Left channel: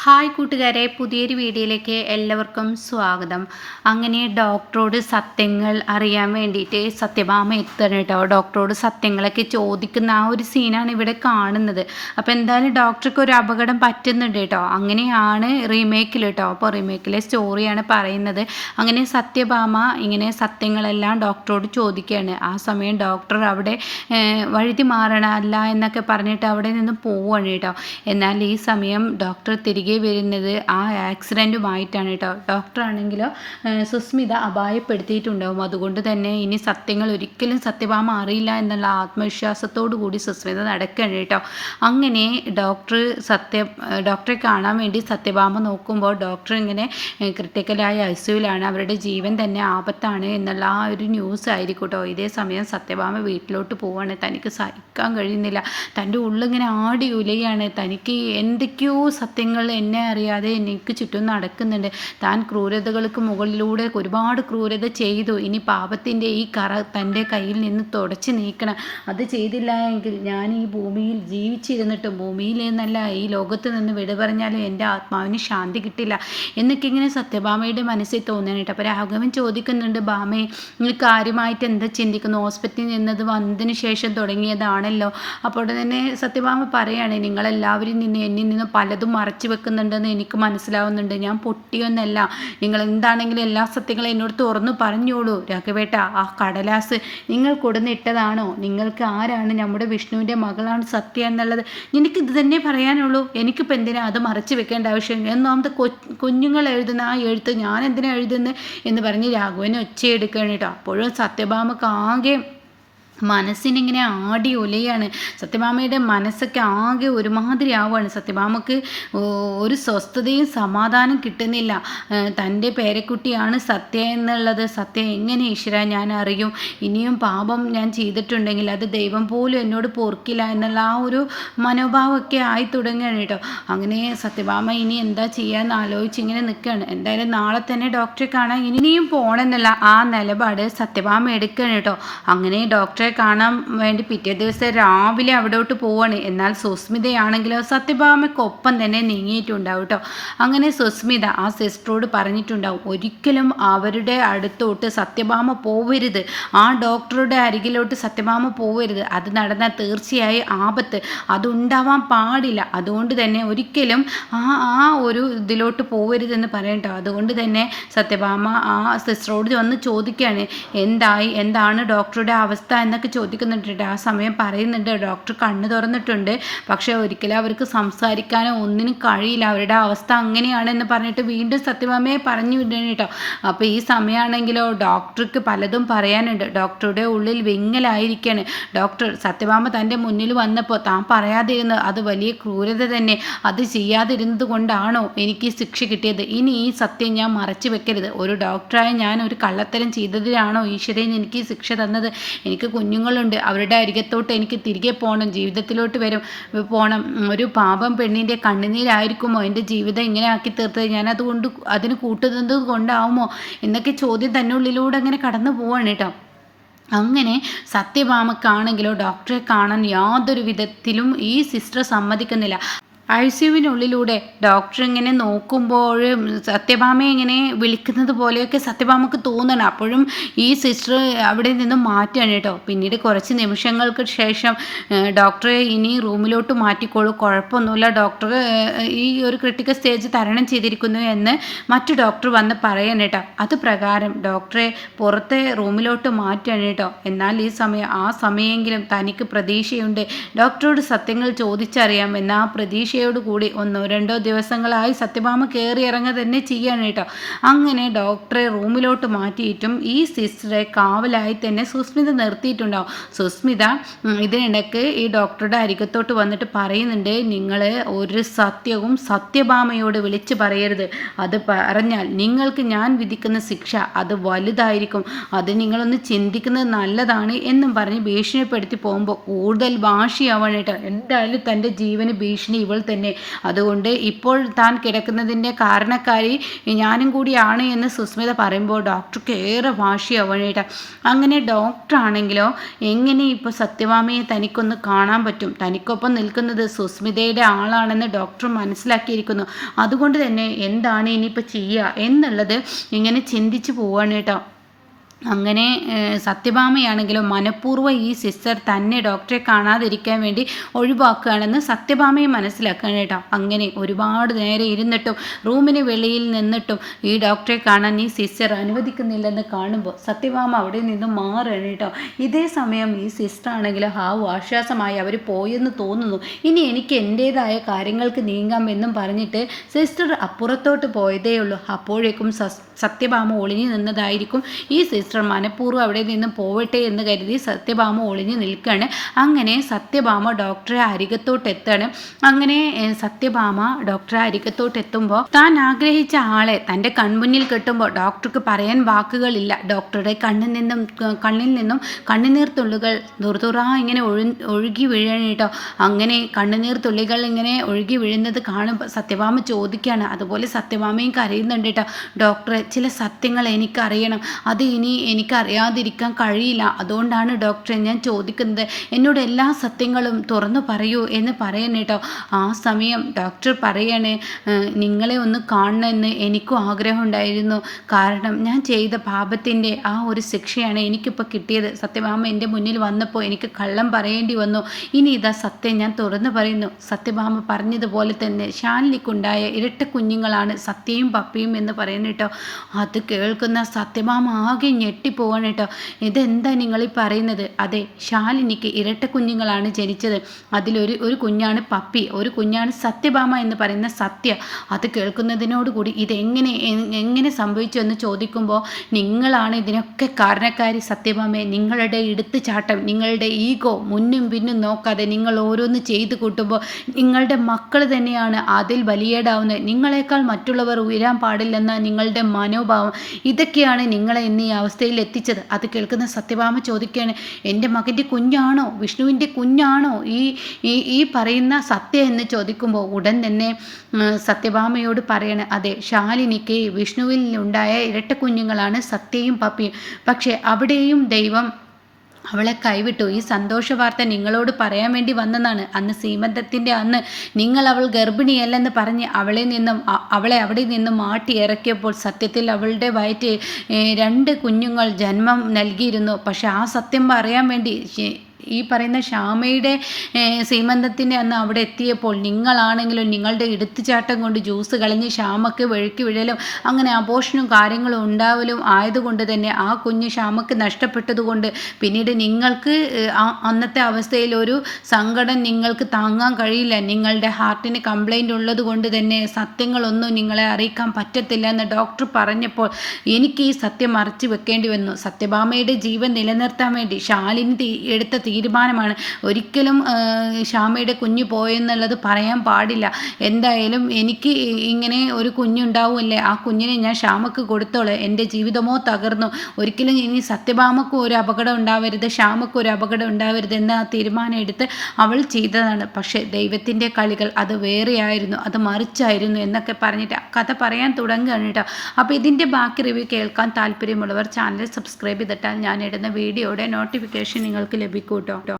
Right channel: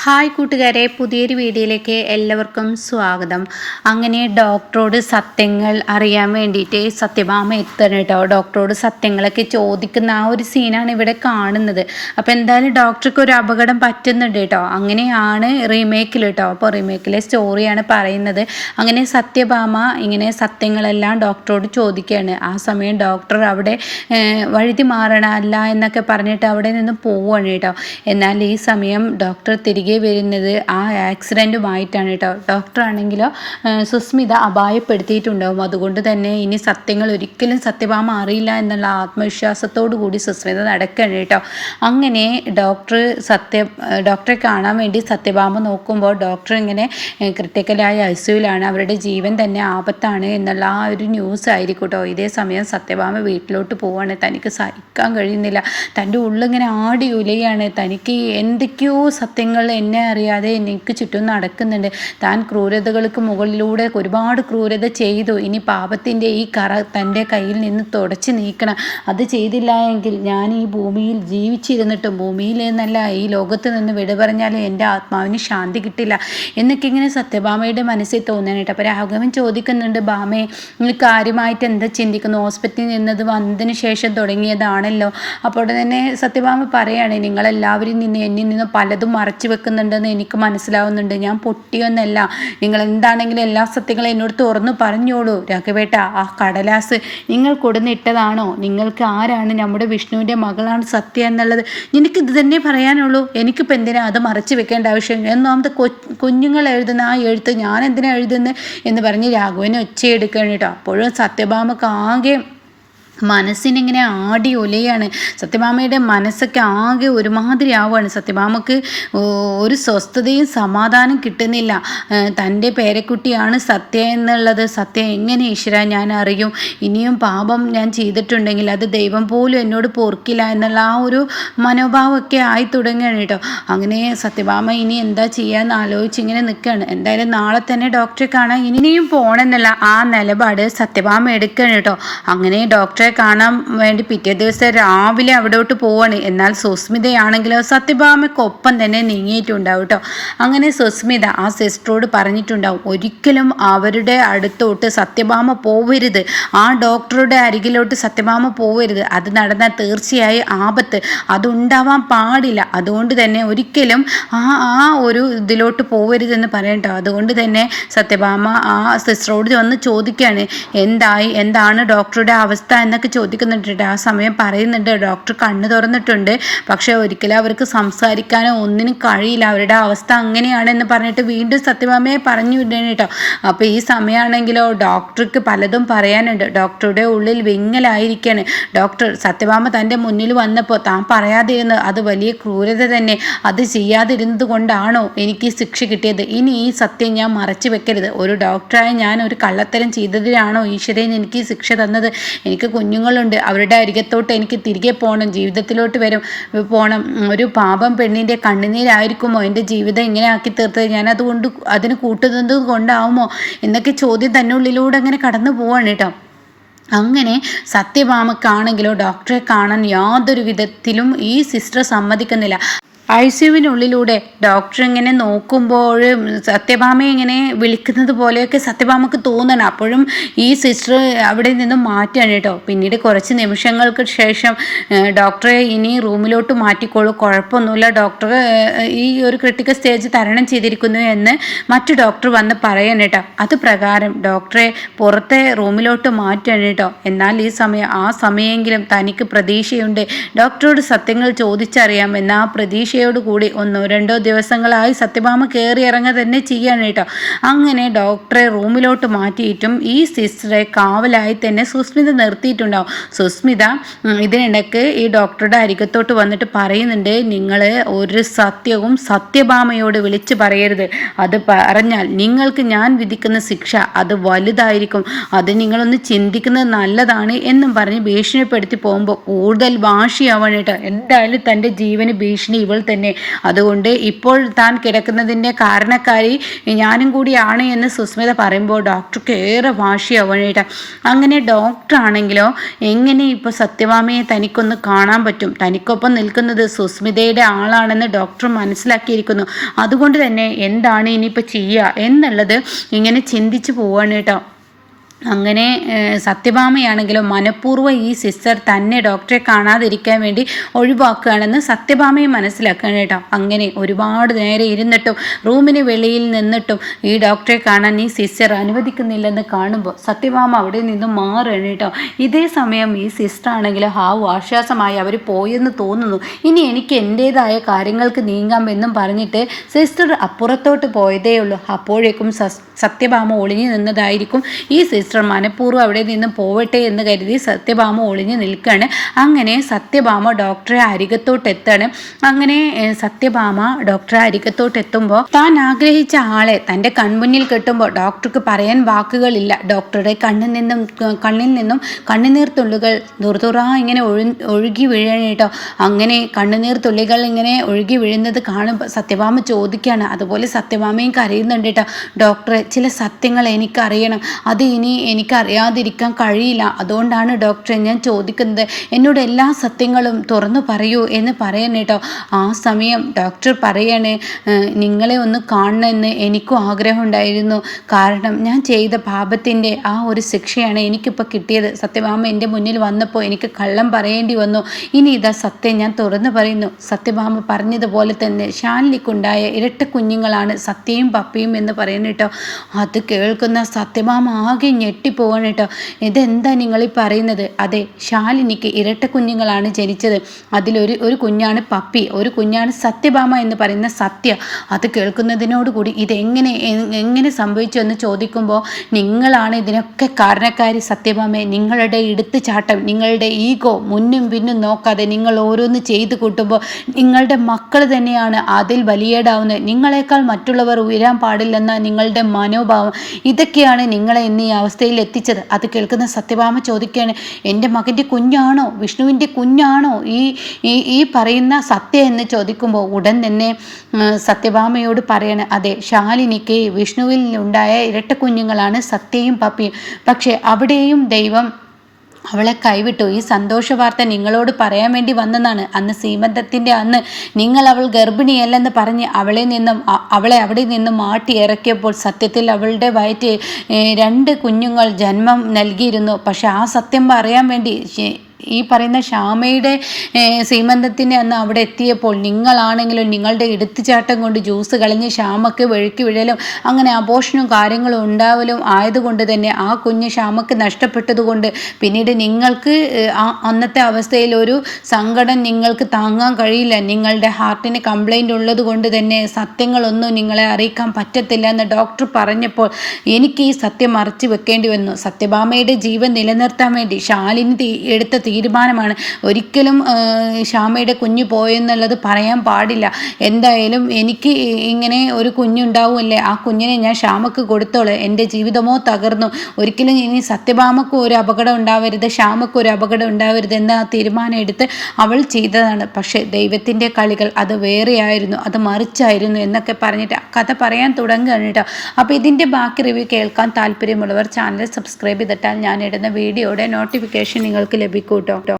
Hi കൂട്ടുകാരെ പുതിയൊരു വീഡിയോയിലേക്ക് എല്ലാവർക്കും സ്വാഗതം. അങ്ങനെ ഡോക്ടറോട് സത്യങ്ങൾ അറിയാൻ വേണ്ടിയിട്ട് സത്യഭാമ എത്തണം കേട്ടോ. ഡോക്ടറോട് സത്യങ്ങളൊക്കെ ചോദിക്കുന്ന ആ ഒരു സീനാണ് ഇവിടെ കാണുന്നത്. അപ്പോൾ എന്തായാലും ഡോക്ടർക്ക് ഒരു അപകടം പറ്റുന്നുണ്ട് കേട്ടോ. അങ്ങനെയാണ് റീമേക്കിൽ കേട്ടോ. അപ്പോൾ റീമേക്കിലെ സ്റ്റോറിയാണ് പറയുന്നത്. അങ്ങനെ സത്യഭാമ ഇങ്ങനെ സത്യങ്ങളെല്ലാം ഡോക്ടറോട് ചോദിക്കുകയാണ്. ആ സമയം ഡോക്ടർ അവിടെ വഴുതി മാറണമല്ല എന്നൊക്കെ പറഞ്ഞിട്ട് അവിടെ നിന്ന് പോവുകയാണ് കേട്ടോ. എന്നാൽ ഈ സമയം ഡോക്ടർ തിരികെ വരുന്നത് ആ ആക്സിഡന്റുമായിട്ടാണ് കേട്ടോ. ഏഹ്, സുസ്മിത അപായപ്പെടുത്തിയിട്ടുണ്ടാവും. അതുകൊണ്ട് തന്നെ ഇനി സത്യങ്ങൾ ഒരിക്കലും സത്യഭാമ അറിയില്ല എന്നുള്ള ആത്മവിശ്വാസത്തോടു കൂടി സുസ്മിത നടക്കുകയാണ് കേട്ടോ. അങ്ങനെ ഡോക്ടർ സത്യ ഡോക്ടറെ കാണാൻ വേണ്ടി സത്യഭാമ നോക്കുമ്പോൾ ഡോക്ടർ ഇങ്ങനെ ക്രിട്ടിക്കലായ ഐസിയുലാണ്. അവരുടെ ജീവൻ തന്നെ ആപത്താണ് എന്നുള്ള ആ ഒരു ന്യൂസ് ആയിരിക്കും കേട്ടോ. ഇതേ സമയം സത്യഭാമ വീട്ടിലോട്ട് പോവാണ്. തനിക്ക് സഹിക്കാൻ കഴിയുന്നില്ല. തന്റെ ഉള്ളിങ്ങനെ ആടി ഉലയാണ്. തനിക്ക് എന്തൊക്കെയോ സത്യങ്ങൾ എന്നെ അറിയാതെ എനിക്ക് ചുറ്റും നടക്കുന്നുണ്ട്. താൻ ക്രൂരതകൾക്ക് മുകളിലൂടെ ഒരുപാട് ക്രൂരത ചെയ്തു. ഇനി പാപത്തിന്റെ ഈ കറ തന്റെ കയ്യിൽ നിന്ന് തുടച്ച് നീക്കണം. അത് ചെയ്തില്ല എങ്കിൽ ഞാൻ ഈ ഭൂമിയിൽ ജീവിച്ചിരുന്നിട്ടും ഭൂമിയിൽ ഈ ലോകത്ത് നിന്ന് വിട എന്റെ ആത്മാവിന് ശാന്തി കിട്ടില്ല എന്നൊക്കെ ഇങ്ങനെ സത്യഭാമയുടെ മനസ്സിൽ തോന്നാനായിട്ട് അപ്പോൾ രാഘവൻ ചോദിക്കുന്നുണ്ട് ഭാമയെ നിങ്ങൾ കാര്യമായിട്ട് എന്താ ചിന്തിക്കുന്നു ഹോസ്പിറ്റലിൽ നിന്നത് വന്നതിന് ശേഷം തുടങ്ങിയതാണല്ലോ. അപ്പോൾ തന്നെ സത്യഭാമ പറയാണ് നിങ്ങളെല്ലാവരും നിന്ന് എന്നിൽ നിന്ന് പലതും മറച്ചു വെക്കുന്നുണ്ടെന്ന് എനിക്ക് മനസ്സിലാവുന്നുണ്ട്. ഞാൻ പൊട്ടിയൊന്നല്ല. നിങ്ങൾ എന്താണെങ്കിലും എല്ലാ സത്യങ്ങളും എന്നോട് തുറന്നു പറഞ്ഞോളൂ. രാഘവേട്ട ആ കടലാസ് നിങ്ങൾ കൊടുന്നിട്ടതാണോ നിങ്ങൾക്ക് ആരാണ് നമ്മുടെ വിഷ്ണുവിന്റെ മകളാണ് സത്യ എന്നുള്ളത്? എനിക്ക് ഇത് തന്നെ പറയാനുള്ളൂ. എനിക്കിപ്പോൾ എന്തിനാ അത് മറച്ചു വെക്കേണ്ട ആവശ്യം? ഒന്നാമത്തെ കൊ കുഞ്ഞുങ്ങൾ എഴുതുന്ന ആ എഴുത്ത് ഞാൻ എന്തിനാ എഴുതുന്നത് എന്ന് പറഞ്ഞ് രാഘവനെ ഒച്ചയെടുക്കുകയാണ് കേട്ടോ. അപ്പോഴും സത്യഭാമക്ക് ആകെ മനസ്സിനിങ്ങനെ ആടി ഒലയാണ്. സത്യഭാമയുടെ മനസ്സൊക്കെ ആകെ ഒരുമാതിരി ആവുകയാണ്. സത്യഭാമക്ക് ഒരു സ്വസ്ഥതയും സമാധാനം കിട്ടുന്നില്ല. തന്റെ പേരക്കുട്ടിയാണ് സത്യ എന്നുള്ളത്. സത്യ എങ്ങനെ ഈശ്വര ഞാൻ അറിയും? ഇനിയും പാപം ഞാൻ ചെയ്തിട്ടുണ്ടെങ്കിൽ അത് ദൈവം പോലും എന്നോട് പൊറുക്കില്ല എന്നുള്ള ആ ഒരു മനോഭാവമൊക്കെ ആയി തുടങ്ങുകയാണ് കേട്ടോ. അങ്ങനെ സത്യഭാമ ഇനി എന്താ ചെയ്യാന്ന് ആലോചിച്ച് ഇങ്ങനെ നിൽക്കുകയാണ്. എന്തായാലും നാളെ തന്നെ ഡോക്ടറെ കാണാൻ ഇനിയും പോകണമെന്നുള്ള ആ നിലപാട് സത്യഭാമ എടുക്കുകയാണ് കേട്ടോ. അങ്ങനെ ഡോക്ടറെ കാണാൻ വേണ്ടി പിറ്റേ ദിവസം രാവിലെ അവിടോട്ട് പോവാണ്. എന്നാൽ സുസ്മിതയാണെങ്കിലോ സത്യഭാമയ്ക്കൊപ്പം തന്നെ നീങ്ങിയിട്ടുണ്ടാവും കേട്ടോ അങ്ങനെ സുസ്മിത ആ സിസ്റ്ററോട് പറഞ്ഞിട്ടുണ്ടാവും ഒരിക്കലും അവരുടെ അടുത്തോട്ട് സത്യഭാമ പോവരുത്. ആ ഡോക്ടറുടെ അരികിലോട്ട് സത്യഭാമ പോവരുത്. അത് നടന്നാൽ തീർച്ചയായും ആപത്ത്. അതുണ്ടാവാൻ പാടില്ല. അതുകൊണ്ട് തന്നെ ഒരിക്കലും ആ ആ ഒരു ഇതിലോട്ട് പോവരുതെന്ന് പറയട്ടോ അതുകൊണ്ട് തന്നെ സത്യഭാമ ആ സിസ്റ്ററോട് വന്ന് ചോദിക്കുകയാണ് എന്തായി? എന്താണ് ഡോക്ടറുടെ അവസ്ഥ എന്നൊക്കെ ചോദിക്കുന്നുണ്ട്. ആ സമയം പറയുന്നുണ്ട്. ഡോക്ടർ കണ്ണ് തുറന്നിട്ടുണ്ട്. പക്ഷേ ഒരിക്കലും അവർക്ക് സംസാരിക്കാനോ ഒന്നിനും കഴിയില്ല. അവരുടെ അവസ്ഥ അങ്ങനെയാണെന്ന് പറഞ്ഞിട്ട് വീണ്ടും സത്യഭാമയെ പറഞ്ഞു വിടണം കേട്ടോ. അപ്പോൾ ഈ സമയമാണെങ്കിലോ ഡോക്ടർക്ക് പലതും പറയാനുണ്ട്. ഡോക്ടറുടെ ഉള്ളിൽ വിങ്ങലായിരിക്കാണ്. ഡോക്ടർ സത്യഭാമ തന്റെ മുന്നിൽ വന്നപ്പോൾ താൻ പറയാതിരുന്നത് അത് വലിയ ക്രൂരത തന്നെ. അത് ചെയ്യാതിരുന്നത് കൊണ്ടാണോ എനിക്ക് ശിക്ഷ കിട്ടിയത്? ഇനി ഈ സത്യം ഞാൻ മറച്ചു വെക്കരുത്. ഒരു ഡോക്ടറായ ഞാൻ ഒരു കള്ളത്തരം ചെയ്തതിനാണോ ഈശ്വരൻ എനിക്ക് ശിക്ഷ തന്നത്? എനിക്ക് കുഞ്ഞുങ്ങളുണ്ട്. അവരുടെ അരികത്തോട്ട് എനിക്ക് തിരികെ പോകണം ജീവിതത്തിലോട്ട് വരും പോകണം ഒരു പാപം പെണ്ണിന്റെ കണ്ണുനീരായിരിക്കുമോ? എന്റെ ജീവിതം ഇങ്ങനെ ആക്കി തീർത്തത് ഞാൻ അതുകൊണ്ട് അതിന് കൂട്ടുന്നത് കൊണ്ടാവുമോ? എന്നൊക്കെ ചോദ്യം തന്നെ ഉള്ളിലൂടെ അങ്ങനെ കടന്നു പോവാണ് കേട്ടോ. അങ്ങനെ സത്യഭാമക്കാണെങ്കിലോ ഡോക്ടറെ കാണാൻ യാതൊരു വിധത്തിലും ഈ സിസ്റ്റർ സമ്മതിക്കുന്നില്ല. ഐ സിയുവിനുള്ളിലൂടെ ഡോക്ടർ ഇങ്ങനെ നോക്കുമ്പോൾ സത്യഭാമ ഇങ്ങനെ വിളിക്കുന്നത് പോലെയൊക്കെ സത്യഭാമക്ക് തോന്നണം. അപ്പോഴും ഈ സിസ്റ്റർ അവിടെ നിന്നും മാറ്റുകയാണ് കേട്ടോ. പിന്നീട് കുറച്ച് നിമിഷങ്ങൾക്ക് ശേഷം ഡോക്ടറെ ഇനി റൂമിലോട്ട് മാറ്റിക്കോളൂ. കുഴപ്പമൊന്നുമില്ല. ഡോക്ടർ ഈ ഒരു ക്രിട്ടിക്കൽ സ്റ്റേജ് തരണം ചെയ്തിരിക്കുന്നു എന്ന് മറ്റു ഡോക്ടർ വന്ന് പറയാൻ കേട്ടോ. അത് പ്രകാരം ഡോക്ടറെ പുറത്തെ റൂമിലോട്ട് മാറ്റുകയാണ് കേട്ടോ. എന്നാൽ ഈ സമയം ആ സമയമെങ്കിലും തനിക്ക് പ്രതീക്ഷയുണ്ട്. ഡോക്ടറോട് സത്യങ്ങൾ ചോദിച്ചറിയാം. എന്ന ആ പ്രതീക്ഷയോട് കൂടി ഒന്നോ രണ്ടോ ദിവസങ്ങളായി സത്യഭാമ കയറി ഇറങ്ങുക തന്നെ ചെയ്യാണ് കേട്ടോ. അങ്ങനെ ഡോക്ടറെ റൂമിലോട്ട് മാറ്റിയിട്ടും ഈ സിസ്റ്ററെ കാവലായി തന്നെ സുസ്മിത നിർത്തിയിട്ടുണ്ടാവും. സുസ്മിത ഇതിനിടയ്ക്ക് ഈ ഡോക്ടറുടെ അരികത്തോട്ട് വന്നിട്ട് പറയുന്നുണ്ട് നിങ്ങൾ ഒരു സത്യവും സത്യഭാമയോട് വിളിച്ചു പറയരുത്. അത് പറഞ്ഞാൽ നിങ്ങൾക്ക് ഞാൻ വിധിക്കുന്ന ശിക്ഷ അത് വലുതായിരിക്കും. അത് നിങ്ങളൊന്ന് ചിന്തിക്കുന്നത് നല്ലതാണ് എന്നും പറഞ്ഞ് ഭീഷണിപ്പെടുത്തി പോകുമ്പോൾ കൂടുതൽ വാശിയാവാണ് കേട്ടോ. എന്തായാലും തന്റെ ജീവന് ഭീഷണി ഇവൾ തന്നെ. അതുകൊണ്ട് ഇപ്പോൾ താൻ കിടക്കുന്നതിന്റെ കാരണക്കാരി ഞാനും കൂടിയാണ് എന്ന് സുസ്മിത പറയുമ്പോൾ ഡോക്ടർക്ക് ഏറെ വാശിയാവണേട്ട അങ്ങനെ ഡോക്ടറാണെങ്കിലോ എങ്ങനെ ഇപ്പോൾ സത്യവാമിയെ തനിക്കൊന്ന് കാണാൻ പറ്റും? തനിക്കൊപ്പം നിൽക്കുന്നത് സുസ്മിതയുടെ ആളാണെന്ന് ഡോക്ടർ മനസ്സിലാക്കിയിരിക്കുന്നു. അതുകൊണ്ട് തന്നെ എന്താണ് ഇനിയിപ്പോൾ ചെയ്യുക എന്നുള്ളത് ഇങ്ങനെ ചിന്തിച്ചു പോവാണ് കേട്ടോ. അങ്ങനെ സത്യഭാമയാണെങ്കിലും മനഃപൂർവം ഈ സിസ്റ്റർ തന്നെ ഡോക്ടറെ കാണാതിരിക്കാൻ വേണ്ടി ഒഴിവാക്കുകയാണെന്ന് സത്യഭാമയെ മനസ്സിലാക്കണം കേട്ടോ. അങ്ങനെ ഒരുപാട് നേരെ ഇരുന്നിട്ടും റൂമിന് വെളിയിൽ നിന്നിട്ടും ഈ ഡോക്ടറെ കാണാൻ ഈ സിസ്റ്റർ അനുവദിക്കുന്നില്ലെന്ന് കാണുമ്പോൾ സത്യഭാമ അവിടെ നിന്ന് മാറുകയാണ് കേട്ടോ. ഇതേ സമയം ഈ സിസ്റ്റർ ആണെങ്കിൽ ഹാവ് ആശ്വാസമായി അവർ പോയെന്ന് തോന്നുന്നു. ഇനി എനിക്ക് എന്റേതായ കാര്യങ്ങൾക്ക് നീങ്ങാമെന്നും പറഞ്ഞിട്ട് സിസ്റ്റർ അപ്പുറത്തോട്ട് പോയതേ ഉള്ളൂ അപ്പോഴേക്കും സത്യഭാമ ഒളിഞ്ഞു നിന്നതായിരിക്കും ഈ സിസ്റ്റർ സിസ്റ്റർ മനഃപൂർവം അവിടെ നിന്ന് പോവട്ടെ എന്ന് കരുതി സത്യഭാമ ഒളിഞ്ഞു നിൽക്കുകയാണ് അങ്ങനെ സത്യഭാമ ഡോക്ടറെ അരികത്തോട്ട് എത്താണ് അങ്ങനെ സത്യഭാമ ഡോക്ടറെ അരികത്തോട്ട് എത്തുമ്പോൾ താൻ ആഗ്രഹിച്ച ആളെ തന്റെ കൺമുന്നിൽ കിട്ടുമ്പോൾ ഡോക്ടർക്ക് പറയാൻ വാക്കുകളില്ല. ഡോക്ടറുടെ കണ്ണിൽ നിന്നും കണ്ണിൽ നിന്നും കണ്ണുനീർ തുള്ളികൾ ഇങ്ങനെ ഒഴു ഒഴുകി വീഴണേട്ടോ അങ്ങനെ കണ്ണുനീർ തുള്ളികൾ ഇങ്ങനെ ഒഴുകി വീഴുന്നത് കാണുമ്പോൾ സത്യഭാമ ചോദിക്കുകയാണ്. അതുപോലെ സത്യഭാമയും കരയുന്നുണ്ട് കേട്ടോ. ഡോക്ടറെ ചില സത്യങ്ങൾ എനിക്കറിയണം. അത് ഇനി എനിക്കറിയാതിരിക്കാൻ കഴിയില്ല. അതുകൊണ്ടാണ് ഡോക്ടറെ ഞാൻ ചോദിക്കുന്നത്. എന്നോട് എല്ലാ സത്യങ്ങളും തുറന്നു പറയൂ എന്ന് പറയാൻ കേട്ടോ. ആ സമയം ഡോക്ടർ പറയണേ നിങ്ങളെ ഒന്ന് കാണണമെന്ന് എനിക്കും ആഗ്രഹമുണ്ടായിരുന്നു. കാരണം ഞാൻ ചെയ്ത പാപത്തിന്റെ ആ ഒരു ശിക്ഷയാണ് എനിക്കിപ്പോൾ കിട്ടിയത്. സത്യഭാമ എന്റെ മുന്നിൽ വന്നപ്പോൾ എനിക്ക് കള്ളം പറയേണ്ടി വന്നു. ഇനി ഇതാ സത്യം ഞാൻ തുറന്നു പറയുന്നു. സത്യഭാമ പറഞ്ഞതുപോലെ തന്നെ ഷാനിലിക്കുണ്ടായ ഇരട്ട കുഞ്ഞുങ്ങളാണ് സത്യയും പപ്പിയും എന്ന് പറയുന്നു അത് കേൾക്കുന്ന സത്യഭാമ ആകെ ഞെട്ടിപ്പോവാണ് കേട്ടോ. ഇതെന്താ നിങ്ങൾ ഈ പറയുന്നത്? അതെ ശാലിനിക്ക് ഇരട്ട കുഞ്ഞുങ്ങളാണ് ജനിച്ചത്. അതിലൊരു ഒരു കുഞ്ഞാണ് പപ്പി ഒരു കുഞ്ഞാണ് സത്യഭാമ എന്ന് പറയുന്ന സത്യ. അത് കേൾക്കുന്നതിനോടുകൂടി ഇതെങ്ങനെ എങ്ങനെ സംഭവിച്ചു എന്ന് ചോദിക്കുമ്പോൾ നിങ്ങളാണ് ഇതിനൊക്കെ കാരണക്കാരി സത്യഭാമയെ നിങ്ങളുടെ ചാട്ടം നിങ്ങളുടെ ഈഗോ മുന്നും പിന്നും നോക്കാതെ നിങ്ങൾ ഓരോന്ന് ചെയ്തു കൂട്ടുമ്പോൾ നിങ്ങളുടെ മക്കൾ തന്നെയാണ് അതിൽ വലിയേടാവുന്നത് നിങ്ങളെക്കാൾ മറ്റുള്ളവർ ഉയരാൻ പാടില്ലെന്ന നിങ്ങളുടെ മനോഭാവം. ഇതൊക്കെയാണ് നിങ്ങളെ ഇന്ന് ഈ അവസ്ഥ അവസ്ഥയിൽ എത്തിച്ചത് അത് കേൾക്കുന്ന സത്യഭാമ ചോദിക്കുകയാണ് എന്റെ മകന്റെ കുഞ്ഞാണോ? വിഷ്ണുവിന്റെ കുഞ്ഞാണോ? ഈ ഈ പറയുന്ന സത്യ എന്ന് ചോദിക്കുമ്പോൾ ഉടൻ തന്നെ സത്യഭാമയോട് പറയണ അതെ ശാലിനിക്ക് വിഷ്ണുവിൽ ഉണ്ടായ ഇരട്ട കുഞ്ഞുങ്ങളാണ് സത്യയും പപ്പിയും. പക്ഷേ അവിടെയും ദൈവം അവളെ കൈവിട്ടു. ഈ സന്തോഷ വാർത്ത നിങ്ങളോട് പറയാൻ വേണ്ടി വന്നതാണ് അന്ന് സീമന്തത്തിന്റെ അന്ന് നിങ്ങൾ അവൾ ഗർഭിണിയല്ലെന്ന് പറഞ്ഞ് അവളെ നിന്നും അവളെ അവിടെ നിന്നും മാട്ടി ഇറക്കിയപ്പോൾ സത്യത്തിൽ അവളുടെ വയറ്റ് രണ്ട് കുഞ്ഞുങ്ങൾ ജന്മം നൽകിയിരുന്നു. പക്ഷെ ആ സത്യം പറയാൻ വേണ്ടി ഈ പറയുന്ന ശ്യാമയുടെ സീമന്തത്തിന്റെ അന്ന് അവിടെ എത്തിയപ്പോൾ നിങ്ങളാണെങ്കിലും നിങ്ങളുടെ എടുത്തുചാട്ടം കൊണ്ട് ജ്യൂസ് കളഞ്ഞ് ശ്യാമക്ക് വഴുക്കി വിഴലും അങ്ങനെ അപോഷനും കാര്യങ്ങളും ഉണ്ടാവലും ആയതുകൊണ്ട് തന്നെ ആ കുഞ്ഞ് ശ്യാമക്ക് നഷ്ടപ്പെട്ടതുകൊണ്ട് പിന്നീട് നിങ്ങൾക്ക് അന്നത്തെ അവസ്ഥയിൽ ഒരു സങ്കടം നിങ്ങൾക്ക് താങ്ങാൻ കഴിയില്ല. നിങ്ങളുടെ ഹാർട്ടിന് കംപ്ലൈന്റ് ഉള്ളത് കൊണ്ട് തന്നെ സത്യങ്ങളൊന്നും നിങ്ങളെ അറിയിക്കാൻ പറ്റത്തില്ല എന്ന് ഡോക്ടർ പറഞ്ഞപ്പോൾ എനിക്ക് ഈ സത്യം മറച്ചു വെക്കേണ്ടി വന്നു. സത്യഭാമയുടെ ജീവൻ നിലനിർത്താൻ വേണ്ടി ശാലിനി എടുത്ത തീരുമാനമാണ്. ഒരിക്കലും ഷാമയുടെ കുഞ്ഞ് പോയെന്നുള്ളത് പറയാൻ പാടില്ല. എന്തായാലും എനിക്ക് ഇങ്ങനെ ഒരു കുഞ്ഞുണ്ടാവുമല്ലേ? ആ കുഞ്ഞിനെ ഞാൻ ഷാമക്ക് കൊടുത്തോളെ. എന്റെ ജീവിതമോ തകർന്നു. ഒരിക്കലും ഇനി സത്യഭാമക്കും ഒരു അപകടം ഉണ്ടാവരുത് ശ്യാമക്കും ഒരു അപകടം ഉണ്ടാവരുത് എന്ന തീരുമാനം എടുത്ത് അവൾ ചെയ്തതാണ്. പക്ഷേ ദൈവത്തിന്റെ കളികൾ അത് വേറെയായിരുന്നു. അത് മറിച്ചായിരുന്നു എന്നൊക്കെ പറഞ്ഞിട്ട് കഥ പറയാൻ തുടങ്ങുകയാണ് കേട്ടോ. അപ്പോൾ ഇതിന്റെ ബാക്കി റിവ്യൂ കേൾക്കാൻ താല്പര്യമുള്ളവർ ചാനൽ സബ്സ്ക്രൈബ് ചെയ്തിട്ടാൽ ഞാൻ ഇടുന്ന വീഡിയോയുടെ നോട്ടിഫിക്കേഷൻ നിങ്ങൾക്ക് ലഭിക്കും. കേട്ടോ